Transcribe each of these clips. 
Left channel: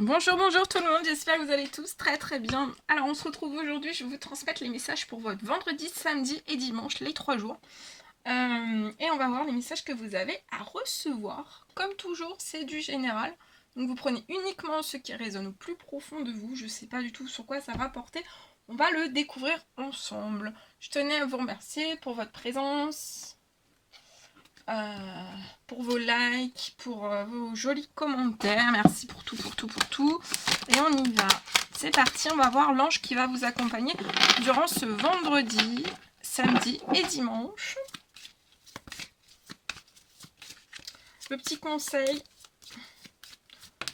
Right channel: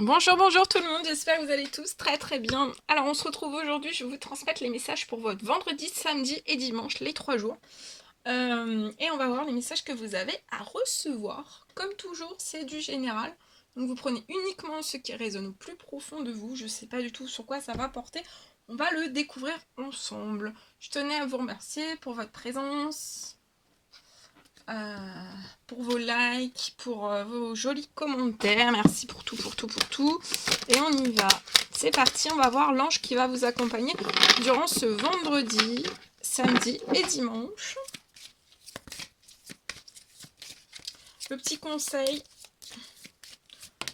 Bonjour, bonjour tout le monde, j'espère que vous allez tous très très bien. Alors on se retrouve aujourd'hui, je vais vous transmettre les messages pour votre vendredi, samedi et dimanche, les 3 jours. Et on va voir les messages que vous avez à recevoir. Comme toujours, c'est du général. Donc vous prenez uniquement ce qui résonne au plus profond de vous. Je ne sais pas du tout sur quoi ça va porter. On va le découvrir ensemble. Je tenais à vous remercier pour votre présence. Pour vos likes, pour vos jolis commentaires. Merci pour tout, pour tout, pour tout. Et on y va. C'est parti, on va voir l'ange qui va vous accompagner durant ce vendredi, samedi et dimanche. Le petit conseil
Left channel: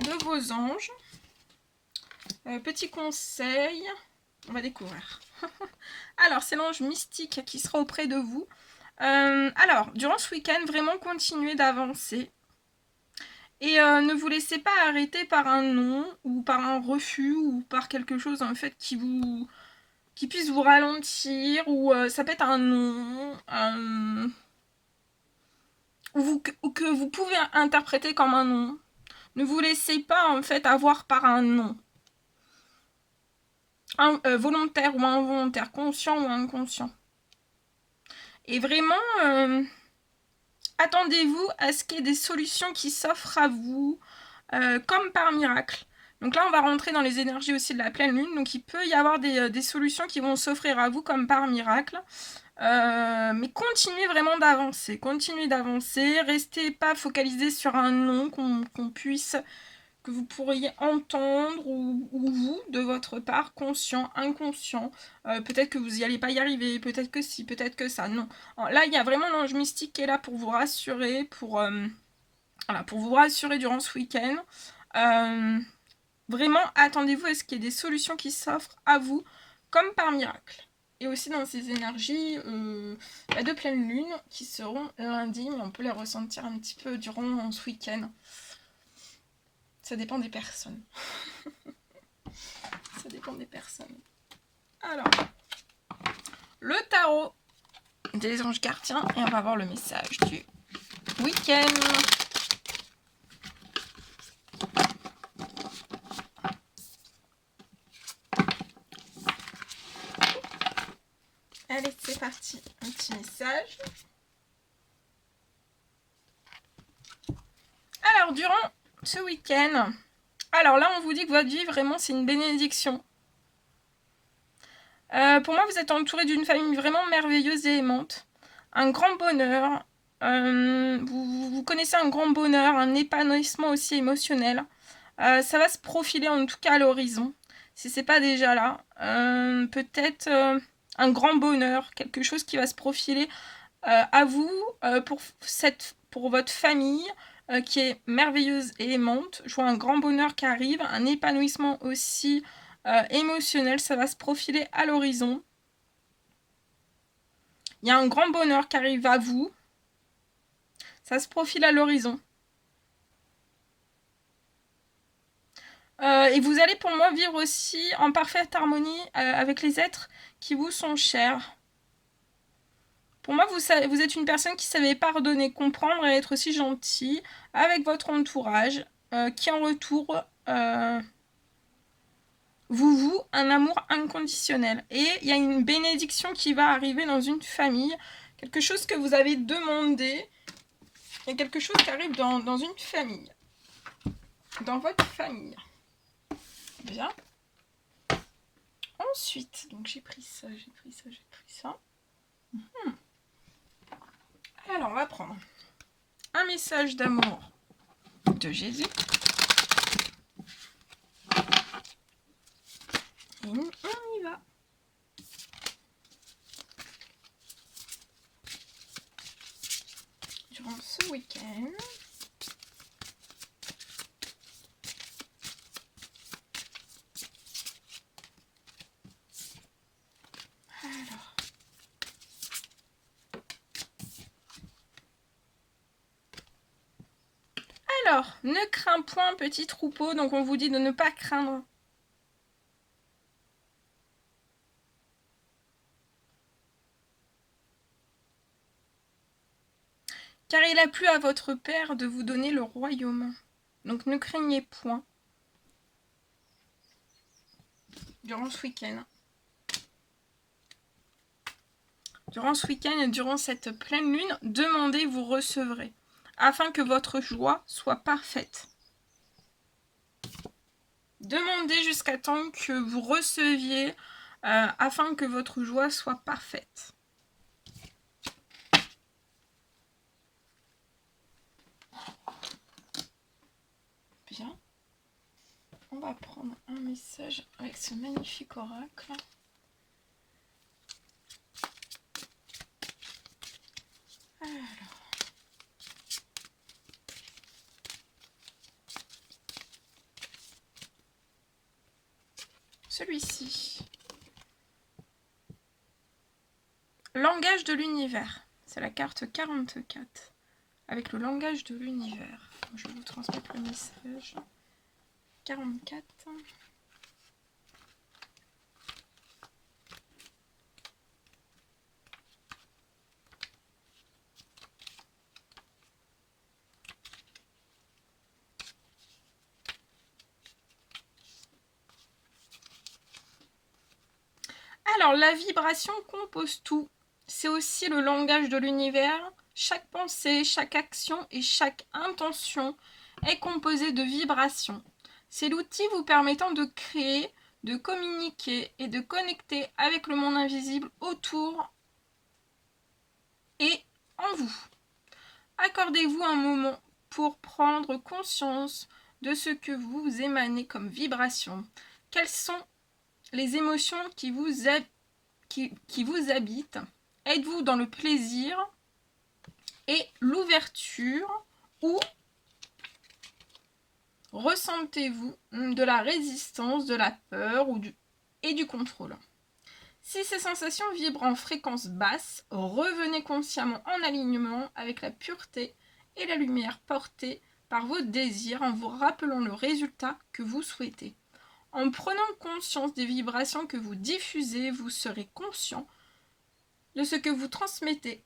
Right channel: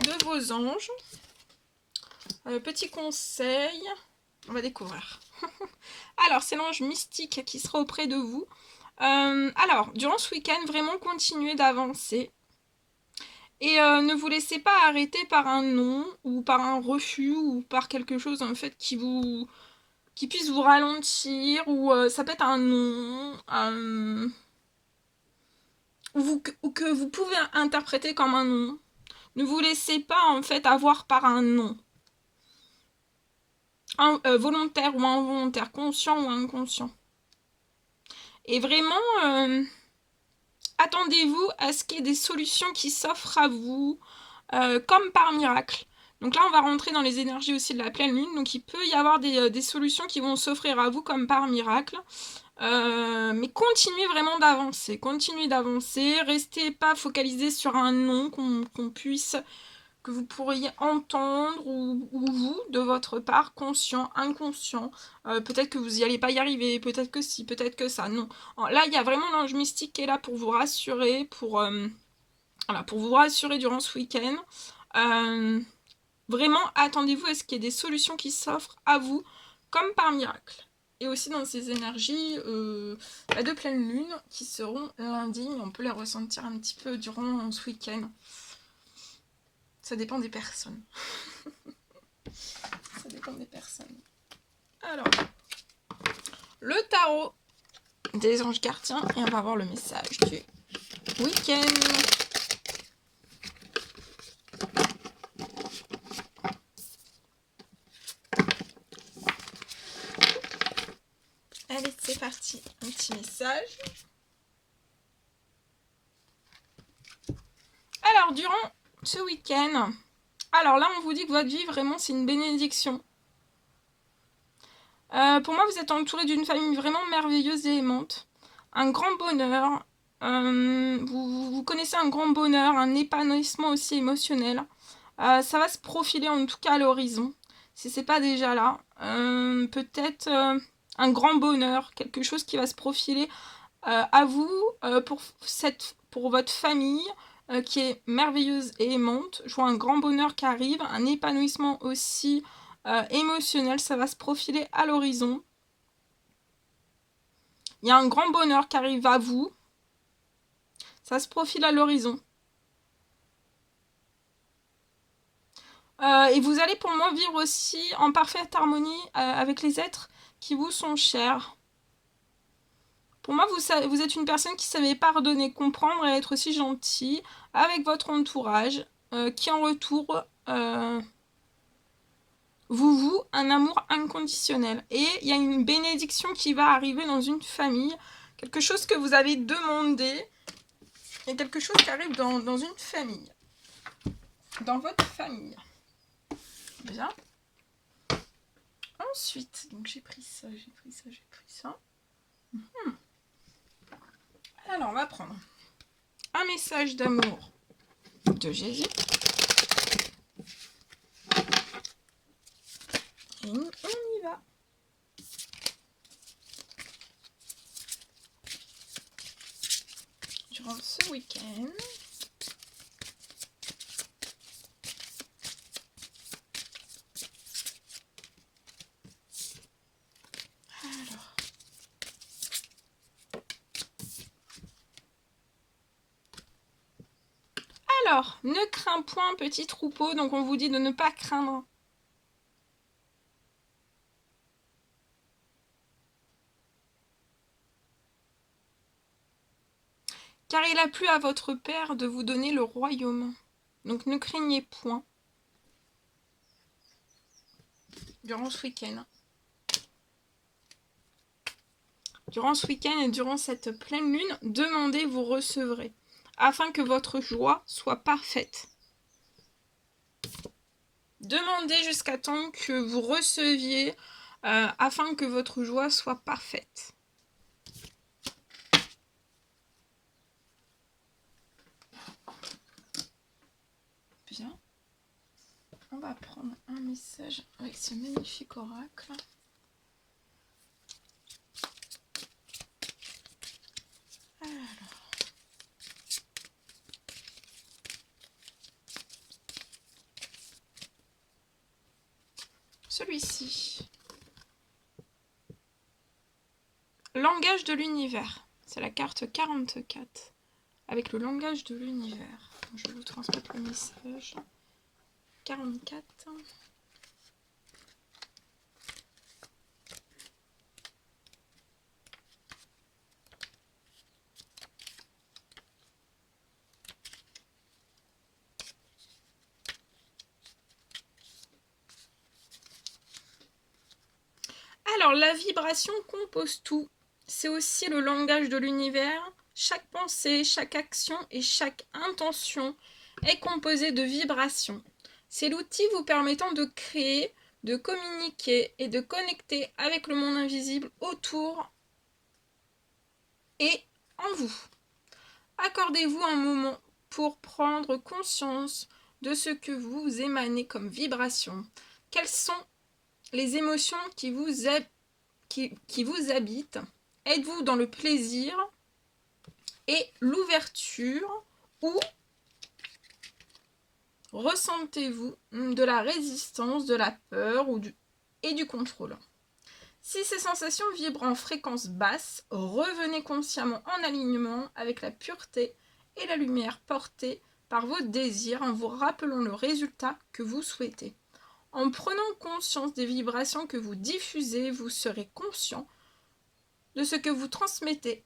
de vos anges. Petit conseil, on va découvrir. Alors, c'est l'ange mystique qui sera auprès de vous. Alors, durant ce week-end, vraiment continuez d'avancer. Et ne vous laissez pas arrêter par un non, ou par un refus, ou par quelque chose en fait qui puisse vous ralentir, ou ça peut être un non, ou que vous pouvez interpréter comme un non. Ne vous laissez pas en fait avoir par un non. Volontaire ou involontaire, conscient ou inconscient. Et vraiment, attendez-vous à ce qu'il y ait des solutions qui s'offrent à vous, comme par miracle. Donc là, on va rentrer dans les énergies aussi de la pleine lune. Donc il peut y avoir des solutions qui vont s'offrir à vous comme par miracle. Mais continuez vraiment d'avancer. Continuez d'avancer. Restez pas focalisé sur un nom qu'on puisse, que vous pourriez entendre ou vous, de votre part, conscient, inconscient. Peut-être que vous n'y allez pas y arriver. Peut-être que si, peut-être que ça. Non. Là, il y a vraiment l'ange mystique qui est là pour vous rassurer, voilà, pour vous rassurer durant ce week-end. Vraiment, attendez-vous à ce qu'il y ait des solutions qui s'offrent à vous, comme par miracle. Et aussi dans ces énergies de pleine lune, qui seront lundi, mais on peut les ressentir un petit peu durant ce week-end. Ça dépend des personnes. Ça dépend des personnes. Alors, le tarot des anges gardiens, et on va voir le message du week-end. Allez, c'est parti, un petit message. Alors, durant ce week-end, alors là, on vous dit que votre vie, vraiment, c'est une bénédiction. Pour moi, vous êtes entouré d'une famille vraiment merveilleuse et aimante. Un grand bonheur. Vous connaissez un grand bonheur, un épanouissement aussi émotionnel. Ça va se profiler en tout cas à l'horizon, si c'est pas déjà là. Peut-être un grand bonheur, quelque chose qui va se profiler à vous, pour votre famille, qui est merveilleuse et aimante. Je vois un grand bonheur qui arrive, un épanouissement aussi émotionnel, ça va se profiler à l'horizon. Il y a un grand bonheur qui arrive à vous, ça se profile à l'horizon. Et vous allez pour moi vivre aussi en parfaite harmonie avec les êtres qui vous sont chers. Pour moi, vous êtes une personne qui savait pardonner, comprendre et être aussi gentil avec votre entourage, qui en retour vous voue un amour inconditionnel. Et il y a une bénédiction qui va arriver dans une famille, quelque chose que vous avez demandé, et quelque chose qui arrive dans une famille, dans votre famille. Bien. Ensuite, donc j'ai pris ça, j'ai pris ça, j'ai pris ça. Alors, on va prendre un message d'amour de Jésus. Et on y va. Durant ce week-end. Alors, ne crains point, petit troupeau. Donc, on vous dit de ne pas craindre. Car il a plu à votre Père de vous donner le royaume. Donc, ne craignez point. durant ce week-end. Durant ce week-end et durant cette pleine lune, demandez, vous recevrez, afin que votre joie soit parfaite. Demandez jusqu'à temps que vous receviez, afin que votre joie soit parfaite. Bien. On va prendre un message avec ce magnifique oracle. Alors. Celui-ci. Langage de l'univers. C'est la carte 44. Avec le langage de l'univers. Je vais vous transmettre le message. 44. Alors, la vibration compose tout. C'est aussi le langage de l'univers. Chaque pensée, chaque action et chaque intention est composée de vibrations. C'est l'outil vous permettant de créer, de communiquer et de connecter avec le monde invisible autour et en vous. Accordez-vous un moment pour prendre conscience de ce que vous émanez comme vibration. Quelles sont les émotions qui vous habitent? Êtes-vous dans le plaisir et l'ouverture ou ressentez-vous de la résistance, de la peur et du contrôle? Si ces sensations vibrent en fréquence basse, revenez consciemment en alignement avec la pureté et la lumière portée par vos désirs en vous rappelant le résultat que vous souhaitez. En prenant conscience des vibrations que vous diffusez, vous serez conscient de ce que vous transmettez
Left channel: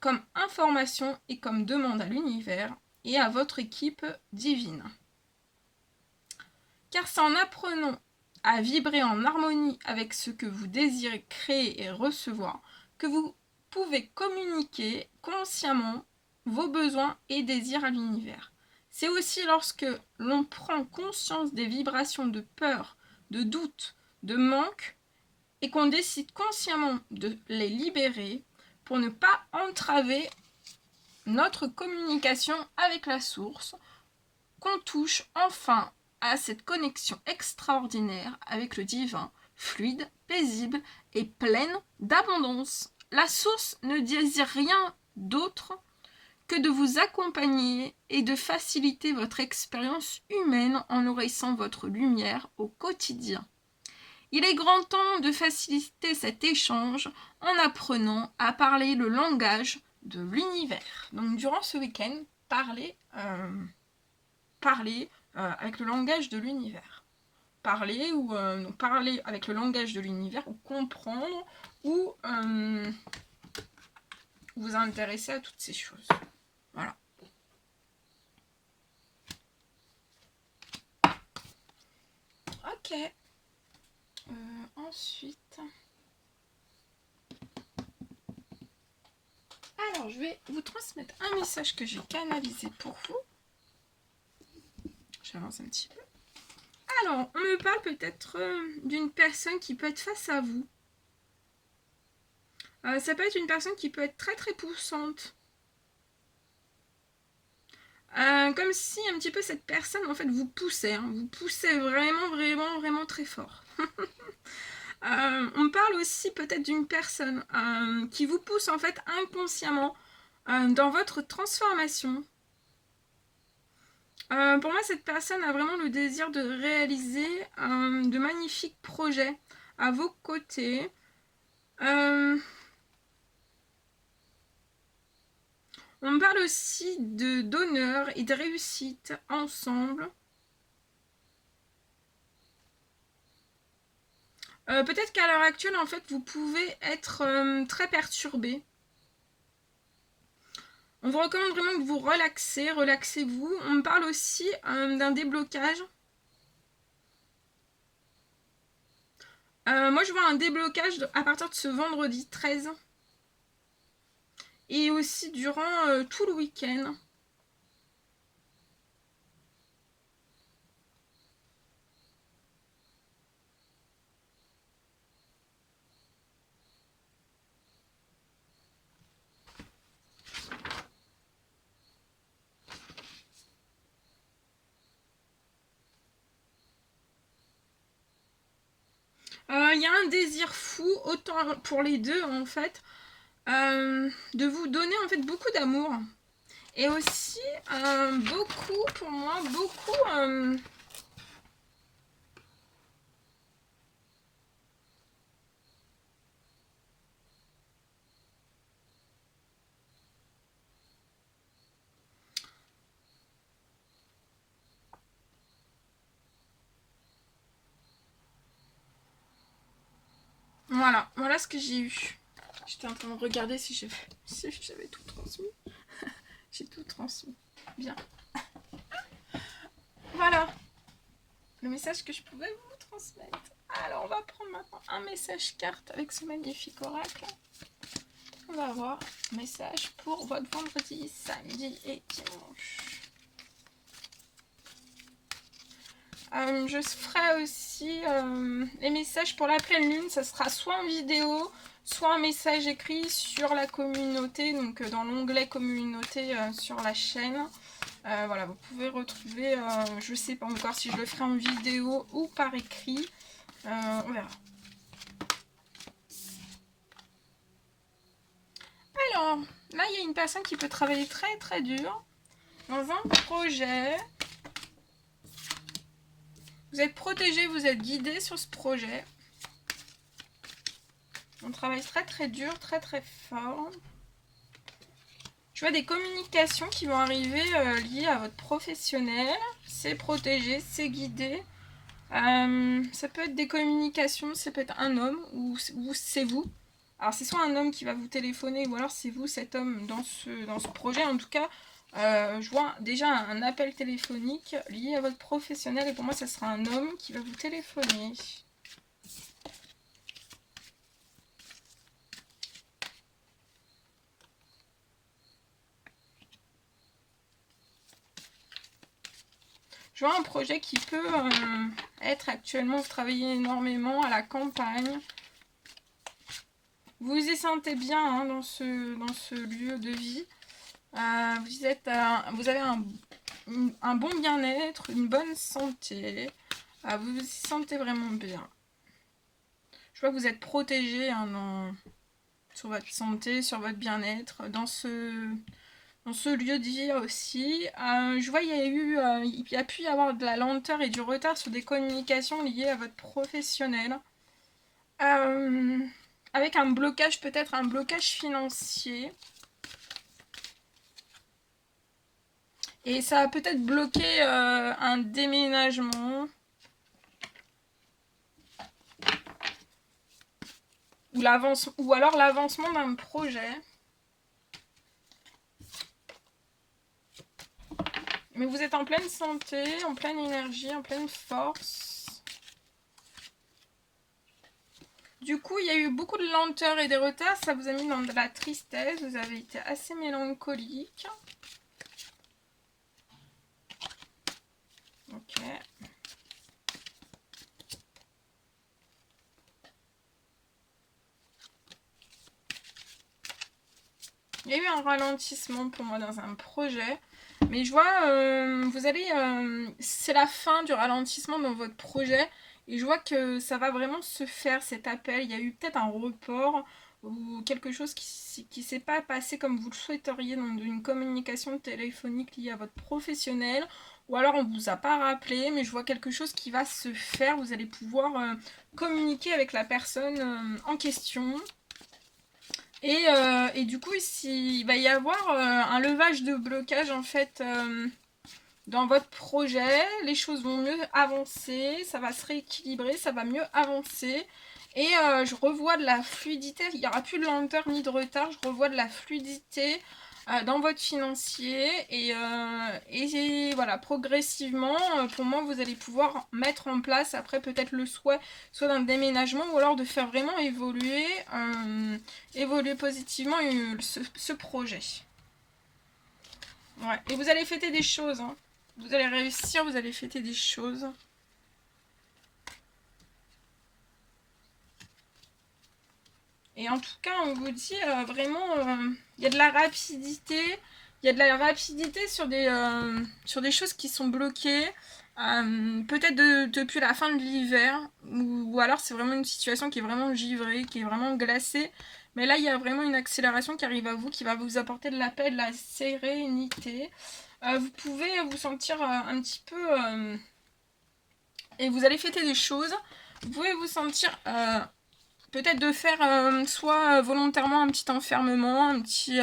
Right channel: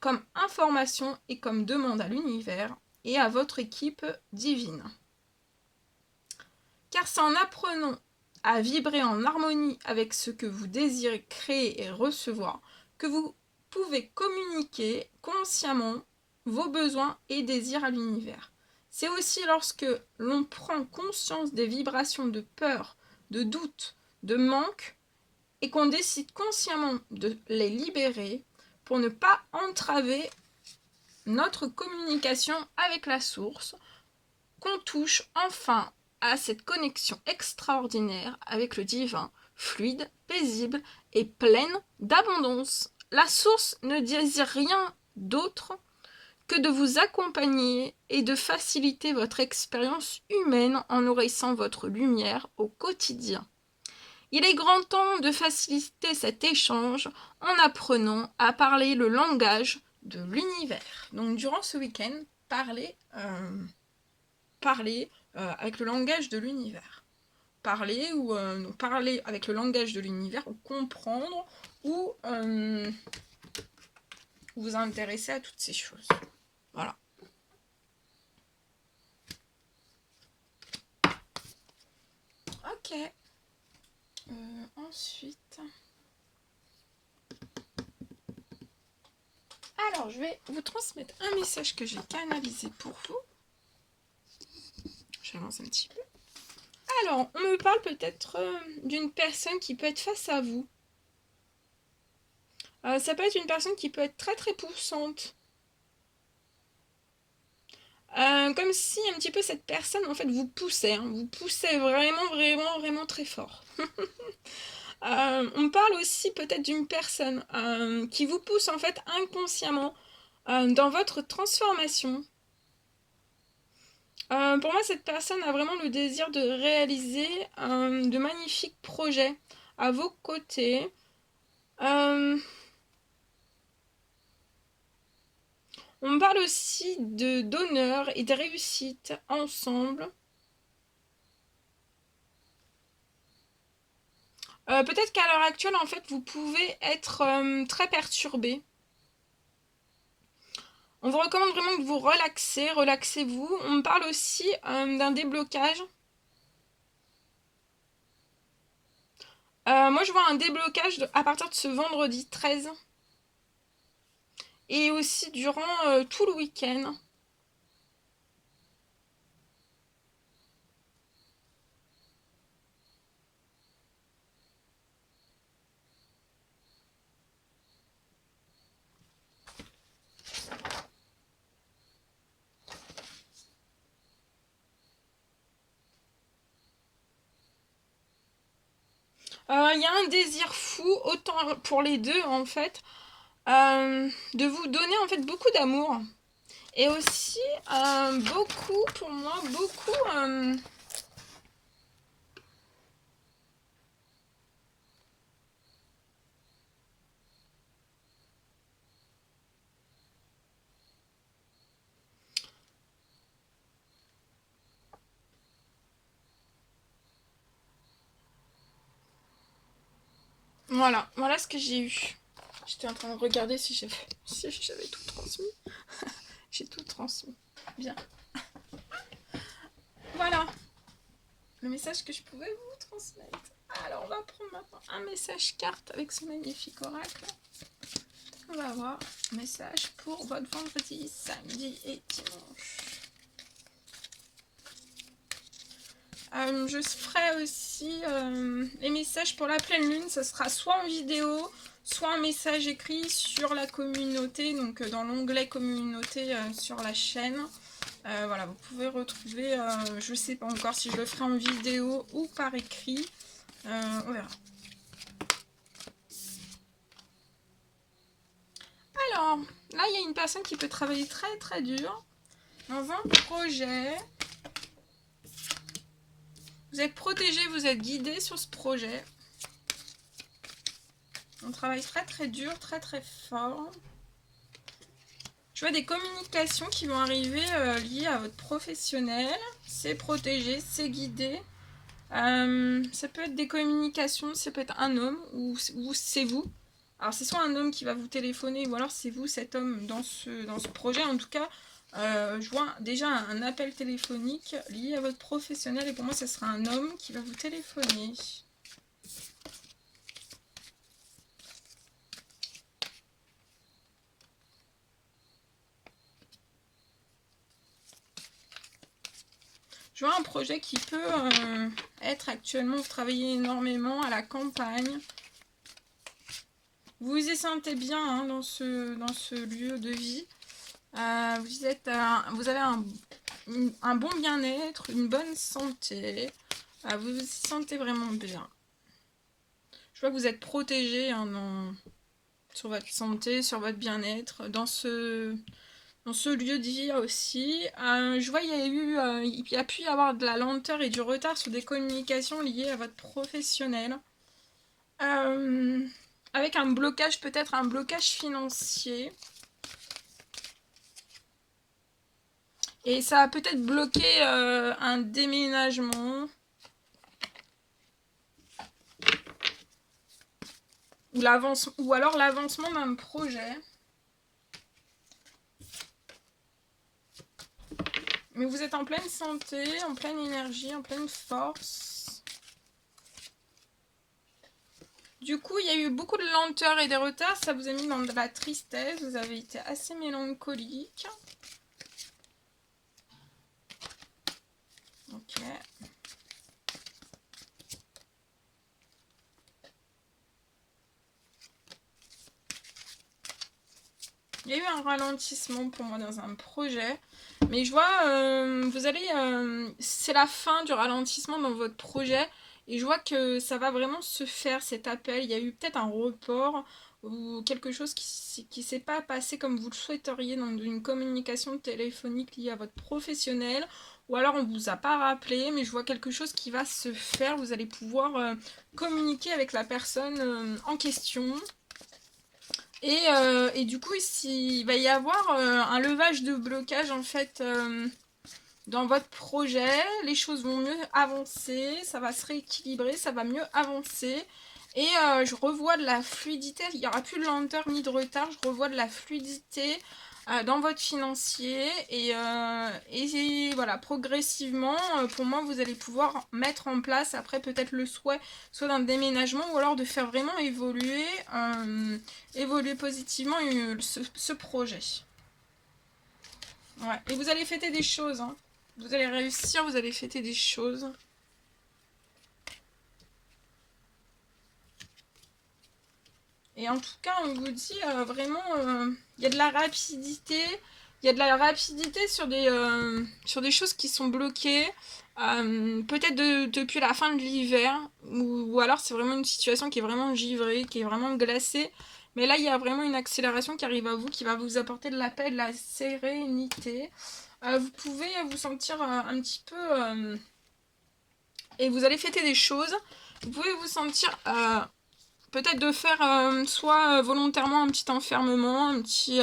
comme information et comme demande à l'univers et à votre équipe divine. Car c'est en apprenant à vibrer en harmonie avec ce que vous désirez créer et recevoir que vous pouvez communiquer consciemment vos besoins et désirs à l'univers. C'est aussi lorsque l'on prend conscience des vibrations de peur, de doute, de manque et qu'on décide consciemment de les libérer pour ne pas entraver notre communication avec la source, qu'on touche enfin à cette connexion extraordinaire avec le divin, fluide, paisible et pleine d'abondance. La source ne désire rien d'autre que de vous accompagner et de faciliter votre expérience humaine en nourrissant votre lumière au quotidien. Il est grand temps de faciliter cet échange en apprenant à parler le langage de l'univers. Donc durant ce week-end, parlez avec le langage de l'univers. Parler avec le langage de l'univers ou comprendre ou vous intéresser à toutes ces choses. Voilà. Ok. Ensuite... Alors, je vais vous transmettre un message que j'ai canalisé pour vous. J'avance un petit peu. Alors, on me parle peut-être d'une personne qui peut être face à vous. Ça peut être une personne qui peut être très très poussante. Comme si un petit peu cette personne en fait vous poussait. Hein. Vous poussez vraiment vraiment vraiment très fort. On me parle aussi peut-être d'une personne qui vous pousse en fait inconsciemment dans votre transformation. Pour moi, cette personne a vraiment le désir de réaliser de magnifiques projets à vos côtés. On me parle aussi d'honneur et de réussite ensemble. Peut-être qu'à l'heure actuelle, en fait, vous pouvez être très perturbé. On vous recommande vraiment de vous relaxer, relaxez-vous. On me parle aussi d'un déblocage. Moi, je vois un déblocage à partir de ce vendredi 13. Et aussi durant tout le week-end. Il y a un désir fou, autant pour les deux en fait, de vous donner en fait beaucoup d'amour. Et aussi, beaucoup, pour moi, beaucoup... voilà ce que j'ai eu. J'étais en train de regarder si j'avais tout transmis. J'ai tout transmis. Bien. Voilà le message que je pouvais vous transmettre. Alors, on va prendre maintenant un message carte avec ce magnifique oracle. On va voir message pour votre vendredi, samedi et dimanche. Je ferai aussi les messages pour la pleine lune. Ça sera soit en vidéo, soit un message écrit sur la communauté, donc dans l'onglet communauté sur la chaîne. Voilà, vous pouvez retrouver, je ne sais pas encore si je le ferai en vidéo ou par écrit. On verra. Alors, là, il y a une personne qui peut travailler très très dur dans un projet. Vous êtes protégé, vous êtes guidé sur ce projet. On travaille très très dur, très très fort. Je vois des communications qui vont arriver liées à votre professionnel. C'est protégé, c'est guidé. Ça peut être des communications, ça peut être un homme ou c'est vous. Alors c'est soit un homme qui va vous téléphoner ou alors c'est vous, cet homme, dans ce projet. En tout cas, je vois déjà un appel téléphonique lié à votre professionnel et pour moi, ça sera un homme qui va vous téléphoner. Je vois un projet qui peut être actuellement, vous travaillez énormément à la campagne. Vous vous y sentez bien hein, dans ce lieu de vie. Vous avez un bon bien-être, une bonne santé. Vous vous y sentez vraiment bien. Je vois que vous êtes protégé hein, sur votre santé, sur votre bien-être, dans ce lieu de vie aussi. Je vois il y a pu y avoir de la lenteur et du retard sur des communications liées à votre professionnel. Avec un blocage, peut-être un blocage financier. Et ça a peut-être bloqué un déménagement. Ou alors l'avancement d'un projet. Mais vous êtes en pleine santé, en pleine énergie, en pleine force. Du coup, il y a eu beaucoup de lenteur et des retards. Ça vous a mis dans de la tristesse. Vous avez été assez mélancolique. Ok. Il y a eu un ralentissement pour moi dans un projet. Mais je vois, c'est la fin du ralentissement dans votre projet. Et je vois que ça va vraiment se faire, cet appel. Il y a eu peut-être un report ou quelque chose qui ne s'est pas passé comme vous le souhaiteriez dans une communication téléphonique liée à votre professionnel. Ou alors on ne vous a pas rappelé, mais je vois quelque chose qui va se faire. Vous allez pouvoir communiquer avec la personne en question. Et du coup, ici, il va y avoir un levage de blocage en fait dans votre projet. Les choses vont mieux avancer, ça va se rééquilibrer, ça va mieux avancer. Et je revois de la fluidité, il n'y aura plus de lenteur ni de retard, je revois de la fluidité. dans votre financier et voilà, progressivement, pour moi, vous allez pouvoir mettre en place après peut-être le souhait soit d'un déménagement ou alors de faire vraiment évoluer positivement ce projet. Ouais. Et vous allez fêter des choses, hein. Vous allez réussir, vous allez fêter des choses. Et en tout cas, on vous dit vraiment, il y a de la rapidité. Il y a de la rapidité sur des choses qui sont bloquées. Peut-être depuis la fin de l'hiver. Ou alors c'est vraiment une situation qui est vraiment givrée, qui est vraiment glacée. Mais là, il y a vraiment une accélération qui arrive à vous, qui va vous apporter de la paix, de la sérénité. Vous pouvez vous sentir un petit peu... et vous allez fêter des choses. Vous pouvez vous sentir... peut-être de faire soit volontairement un petit enfermement, un petit...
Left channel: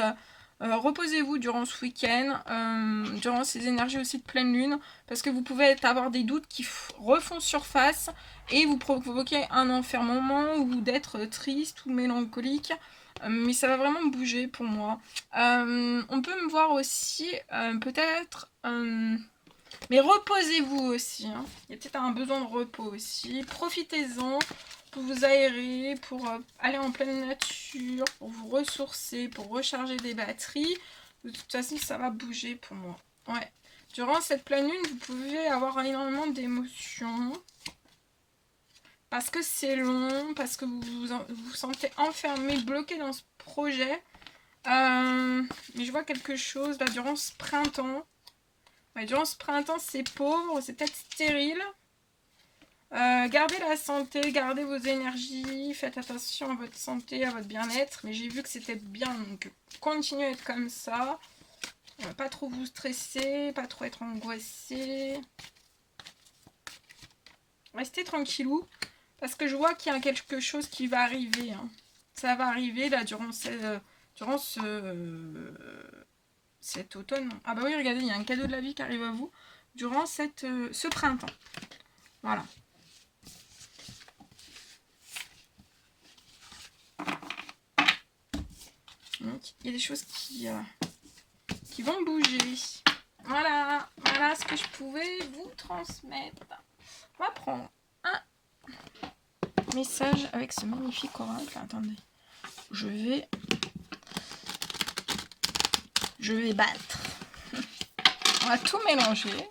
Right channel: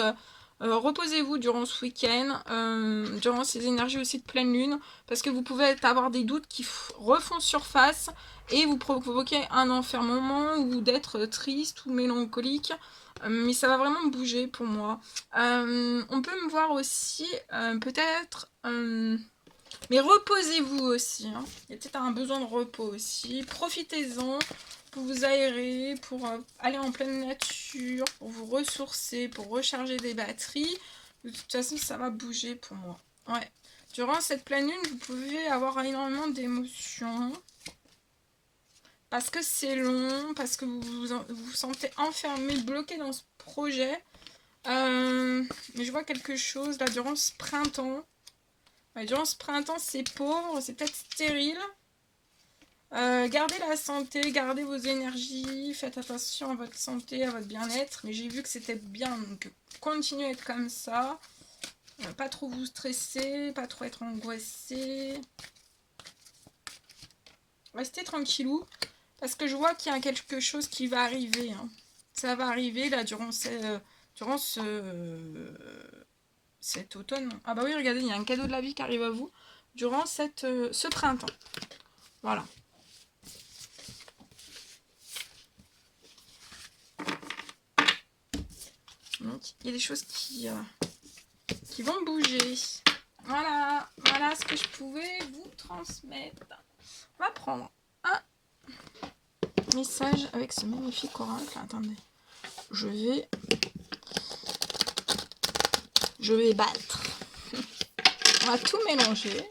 reposez-vous durant ce week-end, durant ces énergies aussi de pleine lune, parce que vous pouvez avoir des doutes qui refont surface et vous provoquer un enfermement ou d'être triste ou mélancolique. Mais ça va vraiment bouger pour moi. On peut me voir aussi peut-être... mais reposez-vous aussi. Hein. Il y a peut-être un besoin de repos aussi. Profitez-en pour vous aérer, pour aller en pleine nature, pour vous ressourcer, pour recharger des batteries. De toute façon, ça va bouger pour moi. Ouais. Durant cette pleine lune, vous pouvez avoir énormément d'émotions. Parce que c'est long, parce que vous sentez enfermé, bloqué dans ce projet. Mais je vois quelque chose là durant ce printemps. Ouais, durant ce printemps, c'est pauvre, c'est peut-être stérile. Gardez la santé, gardez vos énergies, faites attention à votre santé, à votre bien-être. Mais j'ai vu que c'était bien, donc continuez à être comme ça. Pas trop vous stresser, pas trop être angoissé. Restez tranquillou, parce que je vois qu'il y a quelque chose qui va arriver. Hein. Ça va arriver là durant cet automne. Ah bah oui, regardez, il y a un cadeau de la vie qui arrive à vous durant ce printemps. Voilà. Donc, il y a des choses qui vont bouger. Voilà, voilà ce que je pouvais vous transmettre. On va prendre un message avec ce magnifique oracle. Attendez, je vais battre. On va tout mélanger.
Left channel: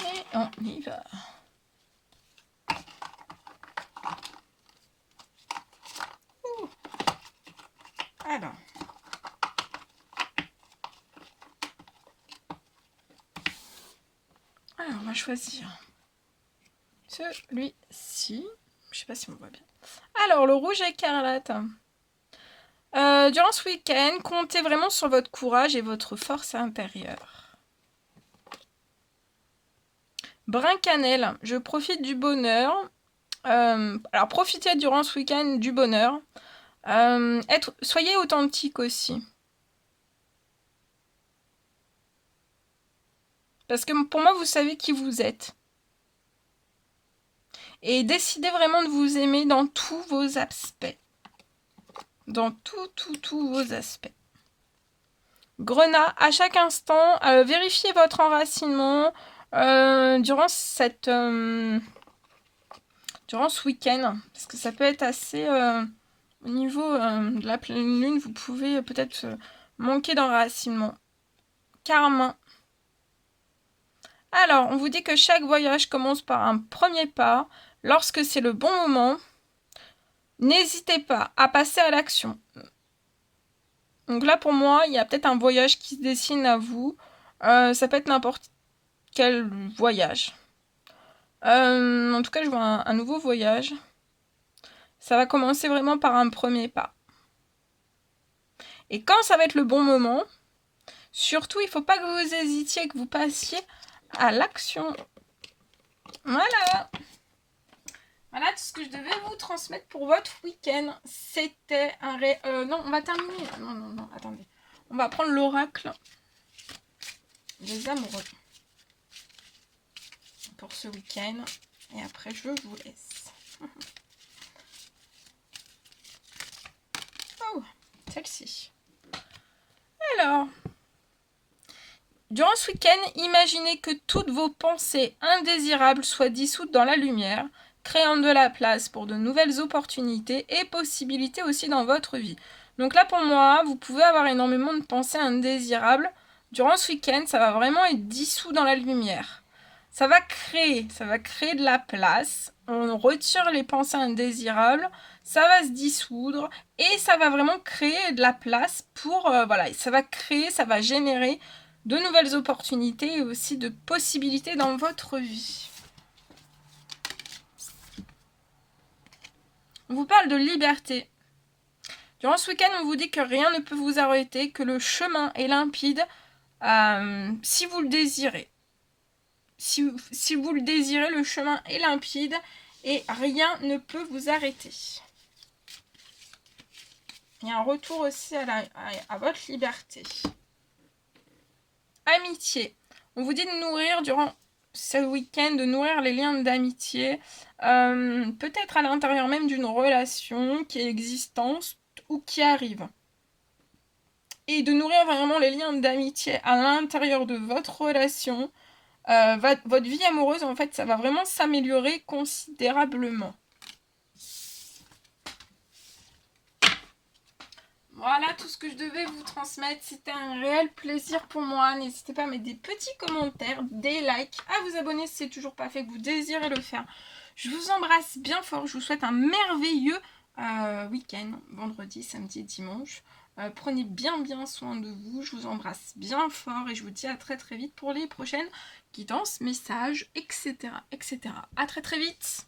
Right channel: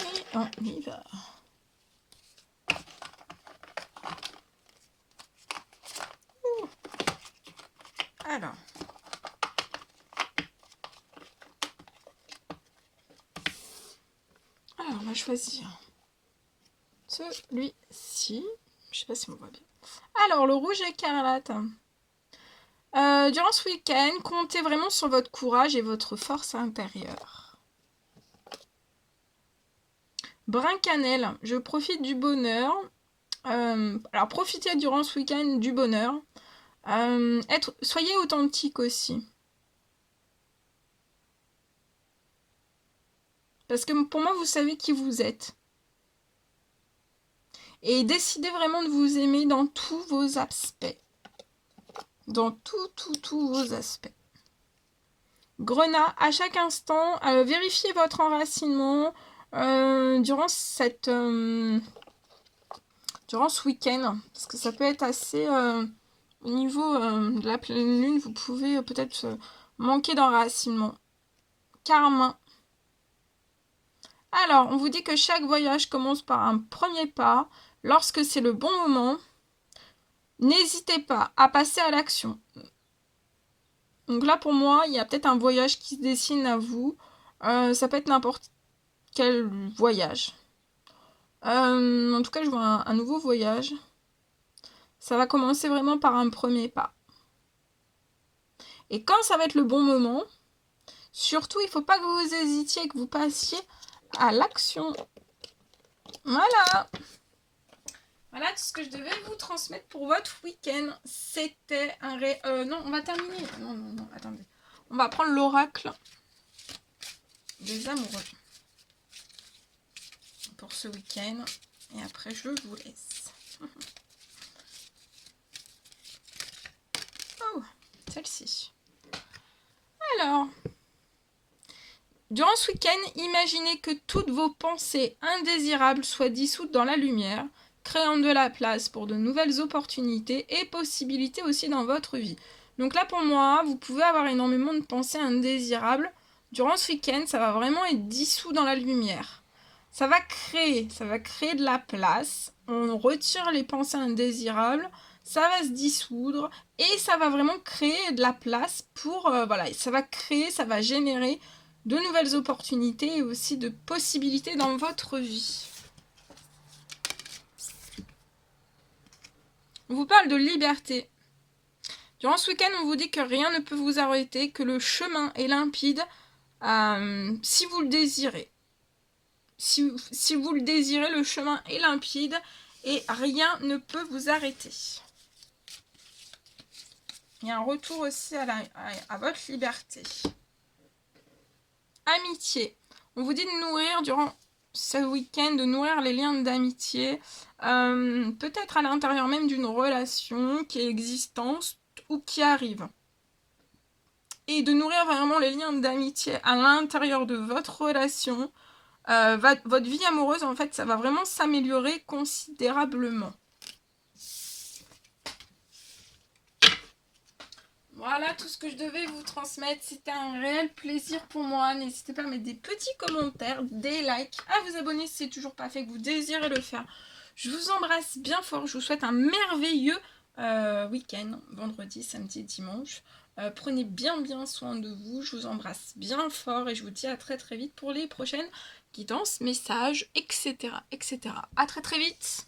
Et on y va. Ouh. Alors. Alors, on va choisir celui-ci. Je sais pas si on voit bien. Alors, le rouge écarlate. Durant ce week-end, comptez vraiment sur votre courage et votre force intérieure. Brun cannelle, je profite du bonheur. Alors, profitez durant ce week-end du bonheur. Soyez authentique aussi. Parce que pour moi, vous savez qui vous êtes. Et décidez vraiment de vous aimer dans tous vos aspects. Dans tous vos aspects. Grenat, à chaque instant, vérifiez votre enracinement durant ce week-end. Parce que ça peut être assez... au niveau de la pleine lune, vous pouvez peut-être manquer d'enracinement. Carmin. Alors, on vous dit que chaque voyage commence par un premier pas. Lorsque c'est le bon moment, n'hésitez pas à passer à l'action. Donc là, pour moi, il y a peut-être un voyage qui se dessine à vous. Ça peut être n'importe quel voyage. En tout cas, je vois un nouveau voyage. Ça va commencer vraiment par un premier pas. Et quand ça va être le bon moment, surtout, il ne faut pas que vous hésitiez, que vous passiez à l'action. Voilà. Voilà tout ce que je devais vous transmettre pour votre week-end. C'était un non, on va terminer. Non, attendez. On va prendre l'oracle des amoureux pour ce week-end. Et après, je vous laisse. Oh, celle-ci. Alors, durant ce week-end, imaginez que toutes vos pensées indésirables soient dissoutes dans la lumière, créant de la place pour de nouvelles opportunités et possibilités aussi dans votre vie. Donc là, pour moi, vous pouvez avoir énormément de pensées indésirables. Durant ce week-end, ça va vraiment être dissous dans la lumière. Ça va créer de la place. On retire les pensées indésirables, ça va se dissoudre et ça va vraiment créer de la place pour, voilà, ça va créer, ça va générer de nouvelles opportunités et aussi de possibilités dans votre vie. On vous parle de liberté. Durant ce week-end, on vous dit que rien ne peut vous arrêter, que le chemin est limpide si vous le désirez. Si vous le désirez, le chemin est limpide et rien ne peut vous arrêter. Il y a un retour aussi à votre liberté. Amitié. On vous dit de nourrir durant ce week-end, de nourrir les liens d'amitié, peut-être à l'intérieur même d'une relation qui est existante ou qui arrive. Et de nourrir vraiment les liens d'amitié à l'intérieur de votre relation. Votre vie amoureuse, en fait, ça va vraiment s'améliorer considérablement. Voilà tout ce que je devais vous transmettre. C'était un réel plaisir pour moi. N'hésitez pas à mettre des petits commentaires, des likes, à vous abonner si c'est toujours pas fait, que vous désirez le faire. Je vous embrasse bien fort. Je vous souhaite un merveilleux week-end, vendredi, samedi, dimanche. Prenez bien soin de vous. Je vous embrasse bien fort et je vous dis à très vite pour les prochaines guidances, messages, etc. À très vite.